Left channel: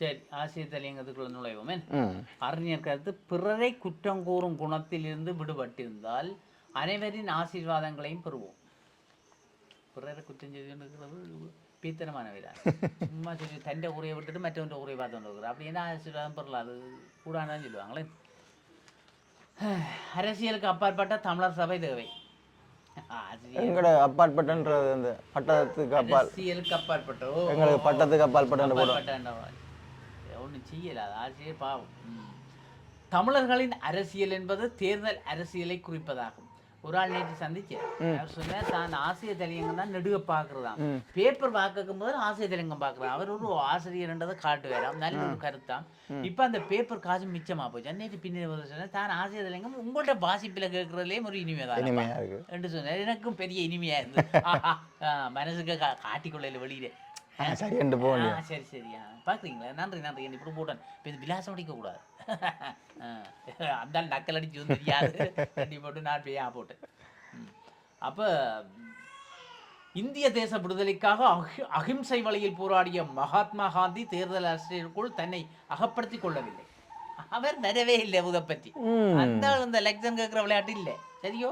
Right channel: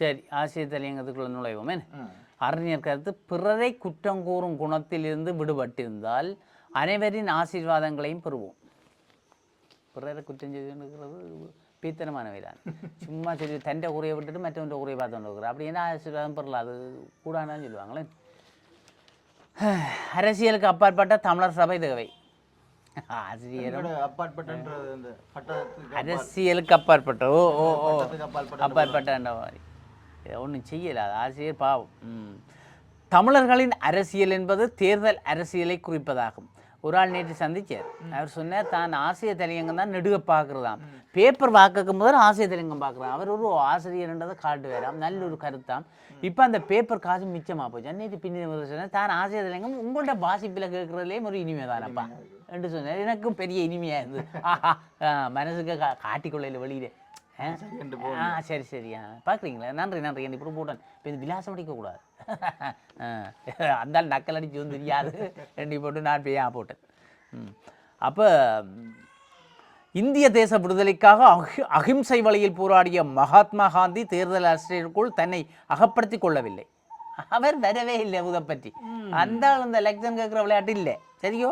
சரி ஆசிய தலையங்கத்துக்குள்ள நுழைவோமே அறிஞர் கருத்து பிறரை குற்றம் கூறும் குணத்திலிருந்து விடுபட்டிருந்தால் அனைவரின் ஆசீர்வாதங்களையும் பெறுவோம். பிறரை குற்றம் செய்துகிறது பீத்தனமான வேலை சும்மா சரி தண்டை குறைய விட்டுட்டு மற்றவன்ற குறைய பார்த்து கொண்டு அப்படி என்ன ஆசீர்வாதம் பெறல அது கூடானான்னு சொல்லுவாங்களே. அரசியலுக்கு அப்பாற்பட்ட தமிழர் சபை எங்களோட அப்பாற்பட்டன்றது அந்த பட்டத்துக்கு அரசியலுக்கு அப்பாற்பட்ட ஓ. பட்டத்துக்கு அப்பாற்பட்ட அப்பாற்பட்ட மாதிரி. ஒன்றும் செய்யல. ஆசிரியர் பாவம். தமிழர்களின் அரசியல் என்பது தேர்தல் அரசியலை குறிப்பதாகும். ஒரு ஆள் நேற்று சந்திச்சார். அவர் சொன்னார் தான் ஆசிய தலையங்கம் தான் நெடுக பார்க்குறதாம் பேப்பர் வாக்கும் போது ஆசிய தலையங்கம் பார்க்குறான் அவர் ஒரு ஆசிரியர்ன்றதை காட்டுவாராம். நல்ல ஒரு கருத்தாம். இப்போ அந்த பேப்பர் காசு மிச்சமா போச்சு. அன்னைக்கு வந்து சொன்னார் தான் ஆசிய தலையங்கம் உங்கள்ட்ட வாசிப்பில் கேட்குறதுலேயும் ஒரு இனிமே தான். என்று சொன்னார். எனக்கும் பெரிய இனிமையா இருந்தது மனசுக்கு காட்டிக்கொள்ளையில் வெளியிலே. சரி. என்று போ ஆ சரி சரியா பார்க்குறீங்களா நன்றி நன்றி. என்ன இப்படி போட்டேன் இப்போ இது விலாசம் அடிக்கக்கூடாது அந்த நக்கல் அடிச்சு வந்து தெரியாது. ரெண்டி போட்டு நான் போய் போட்டேன்? ம். அப்போ இந்திய தேச விடுதலைக்காக அஹி அகிம்சை வழியில் போராடிய மகாத்மா காந்தி தேர்தல் அரசியலுக்குள் தன்னை அகப்படுத்திக் கொள்ளவில்லை. அவர் வரவே இல்லை உதை பற்றி. அந்த இந்த எலெக்ஷன் கேட்குற விளையாட்டு இல்லை. சரியோ?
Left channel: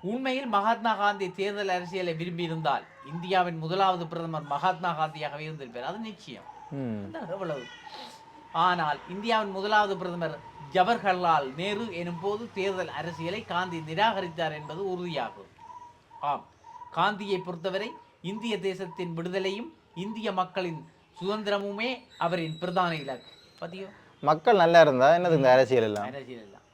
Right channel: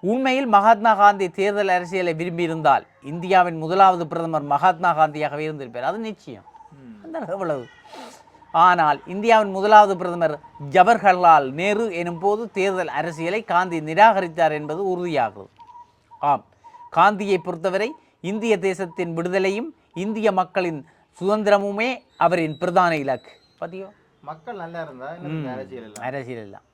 உண்மையில் மகாத்மா காந்தி தேர்தல் அரசியலை விரும்பியிருந்தால் இந்தியாவின் முதலாவது பிரதமர் மகாத்மா காந்தியாகவே இருந்திருப்பார். அது நிச்சயம். எவ்வளவு ஆனால் இந்தியாவின் முதலாவது பிரதமர் ஜவஹர்லால் நேரு எனும் போது தேர்தல் அரசியலை காந்தி நிராகரித்தார் என்பது உறுதியாகும். ஆம். காந்தியை பொறுத்தவரை இந்திய தேசத்தின் விடுதலையும் இந்திய மக்களின் சுதந்திரமுமே அவரின் பிரதான இலக்கு. பாத்தியோ மக்கள் நல்லா இருந்தா என்னது இந்த அரசியல் எல்லாம் அரசியல் எல்லாம்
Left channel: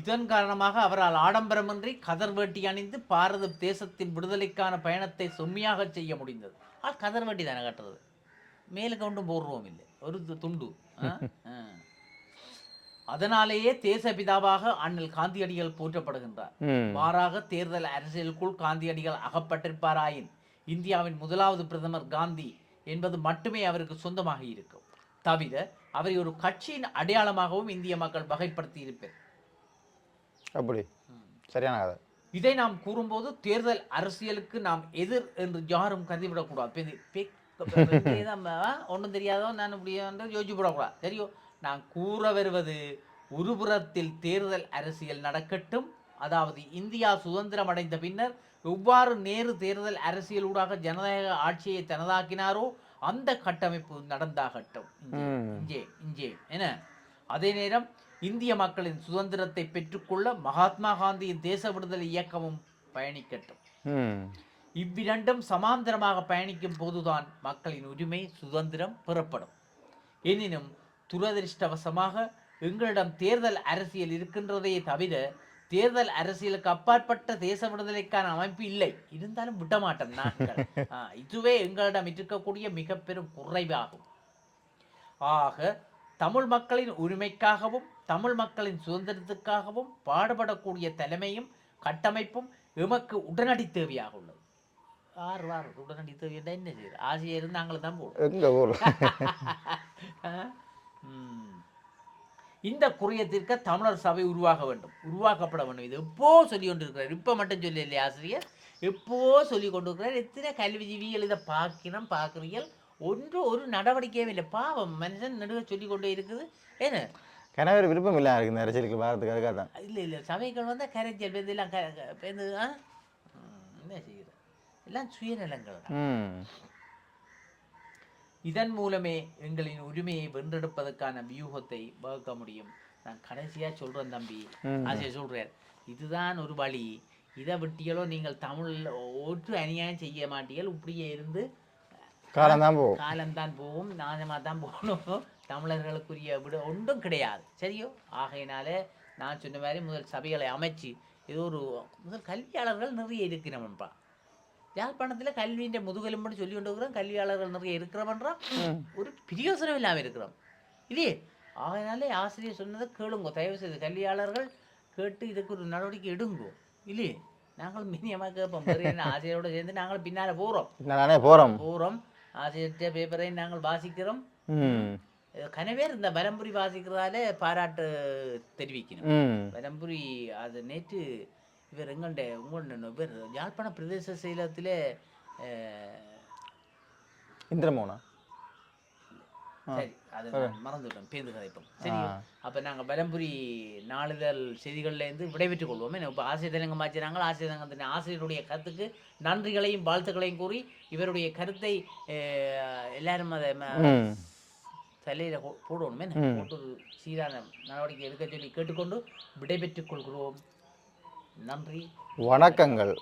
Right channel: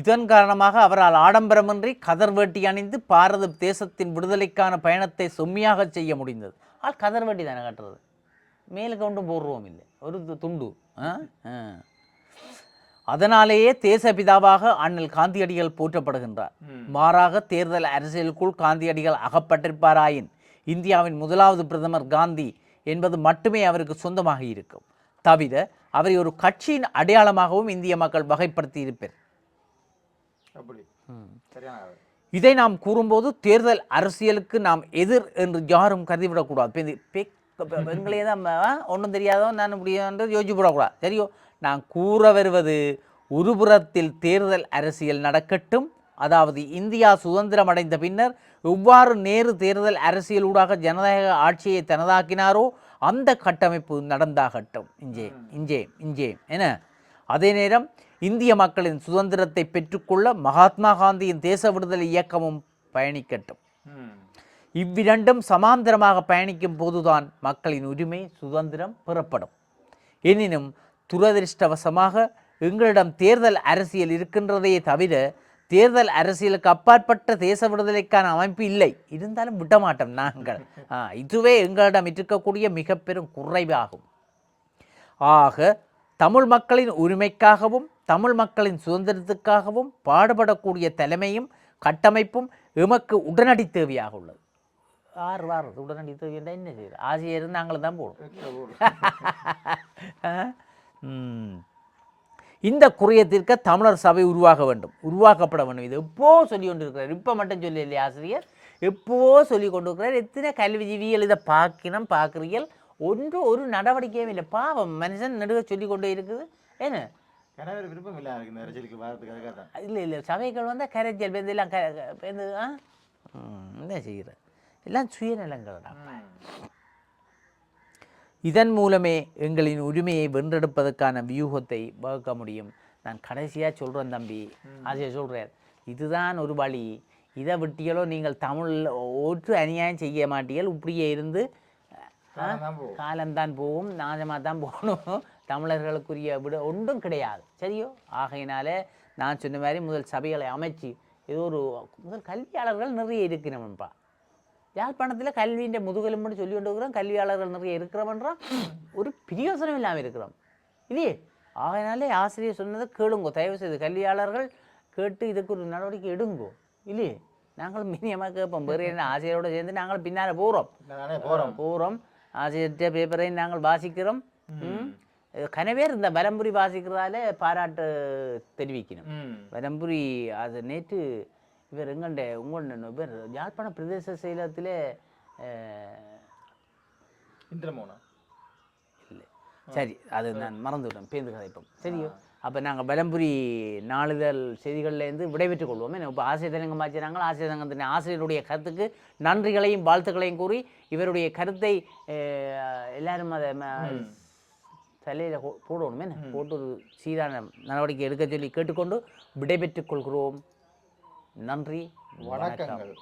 இதன் காரணமாக அவரால் ஆடம்பரமின்றி கதர் வேட்டி அணிந்து பாரத தேசத்தின் விடுதலைக்கான பயணத்தை செம்மையாக செய்ய முடிந்தது. ஆள் கதர் வேட்டி தானே கட்டுறது? மேலுக்கு ஒன்றும் போடுவோம் இல்லை. ஒரு துண்டு. அதனாலேயே தேசபிதாவாக அண்ணல் காந்தியடிகள் போற்றப்படுகின்றார். மாறாக தேர்தல் அரசியலுக்குள் காந்தியடிகள் அகப்பட்டிருப்பாராயின் இந்தியாவின் முதலாவது பிரதமர் காந்தி என்பது மட்டுமே அவருக்கு சொந்தமாக இருக்கும். தவிர அவரை ஒரு கட்சியின் அடையாளமாகவும் இந்திய மக்கள் வகைப்படுத்தி இருப்பர் அப்படி. சரியான கதை. இதை நாம் கூறும்போது தேர்தல் அரசியலுக்கு நாம் எதிர் என்று யாரும் கருதிவிடக்கூடாது பெண்களே தான் ஒன்றும் தெரியாதோ நான் இப்படியான்றது யோசிச்சு போடக்கூடாது சரியோ நான் கூற வருவது ஒருபுறத்தில் தேர்தல் அரசியல் நடக்கட்டும். அதாவது இந்தியா சுதந்திரம் அடைந்த பின்னர் எவ்வாறு நேரு தேர்தல் அரசியலூடாக ஜனநாயக ஆட்சியை தனதாக்கினாரோ அந்த கட்டமைப்பு நடந்தாகட்டும். இஞ்சே இஞ்சே இஞ்சே என அதே நேரம் இந்திய மக்களின் சுதந்திரத்தை பெற்றுக்கொள்ள மகாத்மா காந்தியின் தேச விடுதலை இயக்கமும் பயணிக்கட்டும். இவ்விரண்டும் சமாந்தரமாக பயணிக்கும் போதுதான் மக்களின் உரிமை சுதந்திரம் பெறப்படும். எனினும் துரதிருஷ்டவசமாக எங்களிடம் தேர்தல் அரசியல் இருக்கின்றதே தவிர தேர்தல் அரசியலுக்கு அப்பாற்பட்ட தேச விடுதலைக்கான அமைப்பு இல்லை. இருந்தாலும் விடமாட்டோம் நாங்கள். இதுவே எங்களிடம் இருக்கக்கூடிய மிக பெரும் குறைவாகும். ஆக தமிழ் மக்களின் உரிமைக்காகவும் தமிழ் மக்களின் சுதந்திரத்துக்காகவும் பாடுபடக்கூடிய தலைமையும் கட்டமைப்பும் எமக்கு உடனடி தேவையாக உள்ளது. ஆறு வாரம் உடனடி தேவை என்ன செய்யுது ஆசிரியர் நாங்கள் தான் போகணும். இந்த குறையத்திற்கு தமிழர் சபை உருவாக வேண்டும். உருவாக்கப்பட வேண்டும். இது எப்போ சொல்லி கொண்டிருக்கிறார்? இப்போ மட்டும் சொல்லி இல்லையா ஆசிரியர்? எப்போ சொல்லி கொண்டிருக்கிறார்? எத்தனை கல்விஜீவிகள் இதை பார்க்கணும் பார்க்குறீர்கள்? ஒன்று ஒரு நடவடிக்கையும் இல்லை. பாவம் மனுஷன் நடுவே சொல்லி கொண்டே இருக்குது. என்ன? கணவர் விருப்பம் இல்லை இருக்கு இந்த அரசியலுக்கு வரதுக்கு அதுக்காக தான். இல்லை இல்லை. சபைகள் வந்து கரைச்சல் பேருந்து எல்லாம் க க- பேருந்து ஆ? ம், என்ன செய்கிறது எல்லாம் சுயநலங்கள் தான். இதன் மூலமே எங்களின் உரிமையை வென்றெடுப்பதற்கான வியூகத்தை வகுக்க முடியும். நான் கடைசியாக சொல்கிறேன் தம்பி. ஆசிரியர் சொல்கிறேன் இதுதான் ஒரு வழி. இதை விட்டியலோ நீங்கள் தமிழ் ஒற்று அநியாயம் செய்ய மாட்டீர்கள். இப்படியே இருந்து காலம் தான் போகும். காலம்தான் போகும். நாசமாக தான் போகணும். தமிழர்களுக்குரிய விட ஒன்றும் கிடையாது. சரியோ? ஆகையினால நான் சொன்ன மாதிரி முதல் சபைகளை அமைச்சு இது ஒரு முதல் கல்வியாளர்கள் நிறைய இருக்கிறோம்ப்பா யாழ்ப்பாணத்தில் கல்வியின் முதுகெலும்புன்னு சொல்லி கொண்டு இருக்கிறோம் கல்வியாளர்கள் நிறைய இருக்கிறோம்ன்றான் ஒரு பிரியோசனம் இல்லாமல் இருக்கிறோம் இல்லையே ஆகையினாலே ஆசிரியர் சொன்னதை கேளுங்கோ தயவு செய்து கல்வியாளர்கள் கேட்டு இதுக்கு ஒரு நடவடிக்கை எடுங்கோ இல்லையே நாங்களும் மினியமாக கேட்போம் வேறு என்ன ஆசிரியரோடு சேர்ந்து நாங்கள் பின்னால் போகிறோம் நானே போகிறோம் போகிறோம் ஆசிரியர்கிட்ட பேப்பரை நாங்கள் வாசிக்கிறோம் கனவேர் இந்த வலம்புரி வாசிக்கிறதால பாராட்டு தெரிவிக்கணும் ம் வலம்புரி அது நேற்று இவர் எங்கண்ட? உங்களோட பேர் யாழ்ப்பாண பிரதேச செயலகத்திலே இந்திரமோனா? சரி அது நான் மறந்துவிட்டேன். பேருந்து கதைப்போம். சரி அப்போ நாங்கள் பலம்புரி நாளிதழ் செய்திகள்லேருந்து விடைபெற்றுக் கொள்வோமே. இப்போ ஆசிரியர் தெலுங்கு மாற்றினாங்க ஆசிரியர் சங்கத்தின் ஆசிரியருடைய கருத்துக்கு நன்றிகளையும் வாழ்த்துக்களையும் கூறி இவருடைய கருத்தை எல்லாரும் அதை தலையில் போடணுமே போட்டு சீரான நடவடிக்கை எடுக்க சொல்லி கேட்டுக்கொண்டு விடைபெற்றுக் கொள்கிறோம். நன்றி. வணக்கங்கள்.